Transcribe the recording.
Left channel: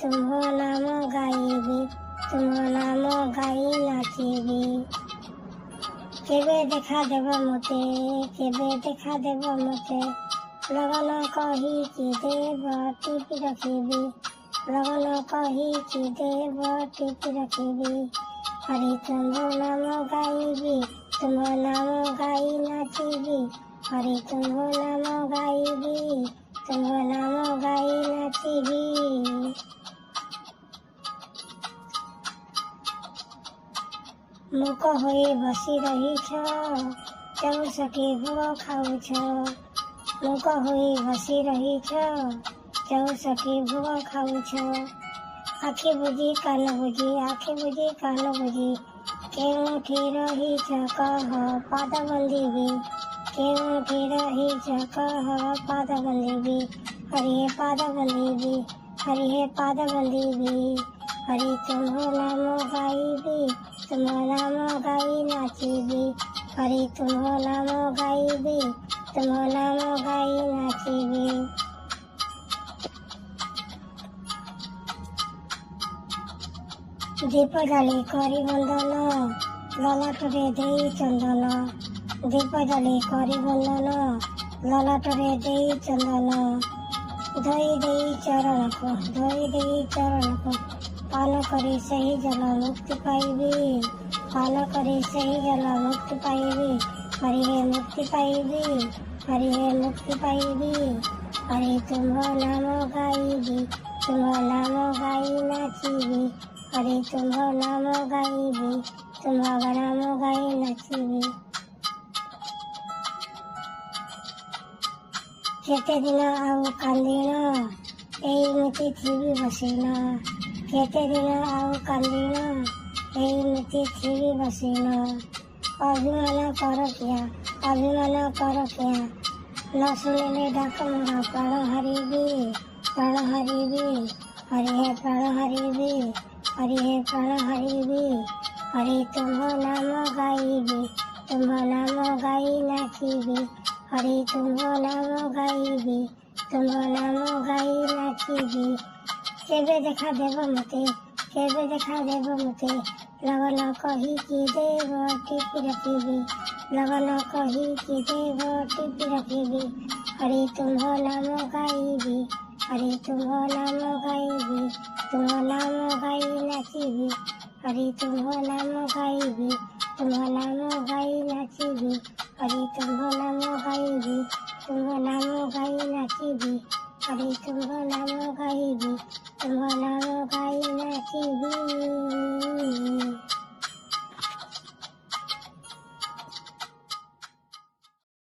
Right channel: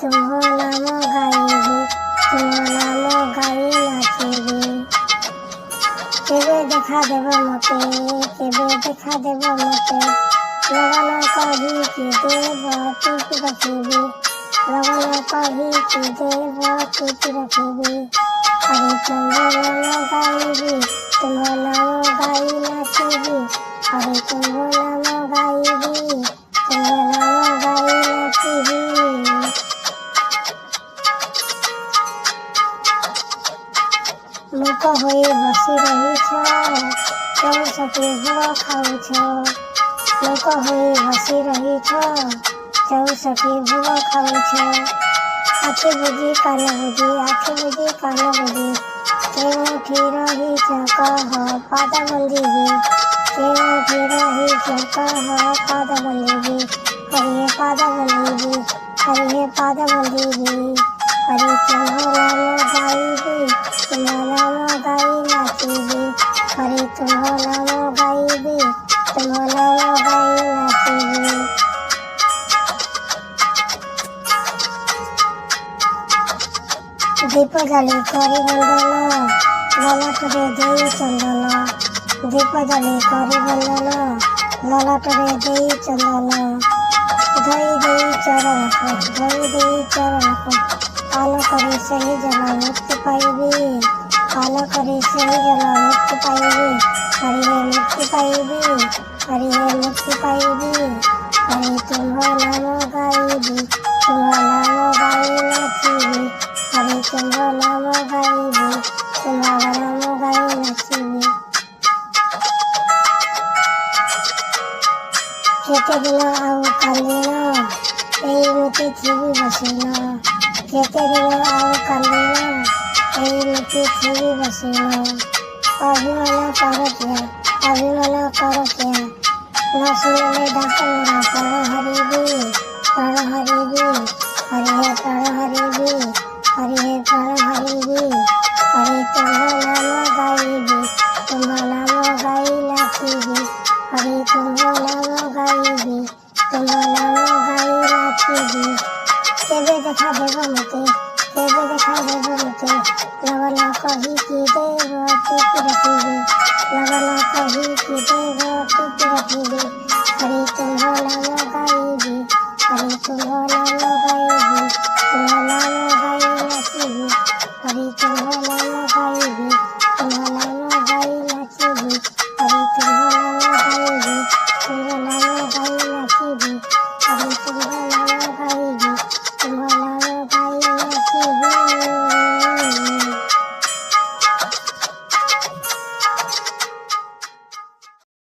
तुम्हो नाम गाइबी तुम्हो नाम गाई नाचिबी। केबे देखा देब मते केबे देखा देब मते लगन कही कि देव चुप रखिबी लगन कही कि देव चुप रखिबी। हरि तुम्हो नाम गाइबी तुम्हो नाम गाई नाचिबी हरि तुम्हो नाम गाइबी तुम्हो नाम गाई नाचिबी। मुख होई बसी रहीछ चौसके गुण खाउछ मुख होई बसी रहीछ चौसके गुण खाउछ। आखि बुझी कान बुझी आखि बुझी कान बुझी केउठी रहीछ कह पाद बंधिबी केउठी रहीछ कह पाद बंधिबी। हरि पाद बंधिबी हरि पाद बंधिबी। हरि तुम्हो नाम गाइबी तुम्हो नाम गाई नाचिबी हरि तुम्हो नाम गाइबी तुम्हो नाम गाई नाचिबी। दीप जली करी बंदन ललाटरे देई चंदन दीप जली करी बंदन ललाटरे देई चंदन। धोई देई चरण को पान करे सही जना मुक्ति पाइबी पान करे सही जना मुक्ति पाइबी। हरि हे मुक्ति पाइबी हरि हे मुक्ति पाइबी। हरि तुम्हो नाम गाइबी तुम्हो नाम गाई नाचिबी हरि तुम्हो नाम गाइबी तुम्हो नाम गाई नाचिबी। केते दिन आउ कालिन एइमिति थिबी बसिन केते दिन आउ कालिन एइमिति थिबी बसिन। अभिमान कर क्या न सुनिले डाक मोरा प्राण हरिबी हरि हे प्राण हरिबी हरि हे प्राण हरिबी। हरि तुम्हो नाम गाइबी तुम्हो नाम गाई नाचिबी हरि तुम्हो नाम गाइबी तुम्हो नाम गाई नाचिबी। केबे देखा देब मते केबे देखा देब मते लगन कही कि देव चुप रखिबी लगन कही कि देव चुप रखिबी। हरि तुम्हो नाम गाइबी हरि तुम्हो नाम गाइबी तुम्हो नाम गाई नाचिबी हरि तुम्हो नाम गाइबी तुम्हो नाम गाई नाचिबी हरि तुम्हो नाम गाइबी तुम्हो नाम गाई नाचिबी हरि तुम्हो नाम गाइबी तुम्हो नाम गाई नाचिबी।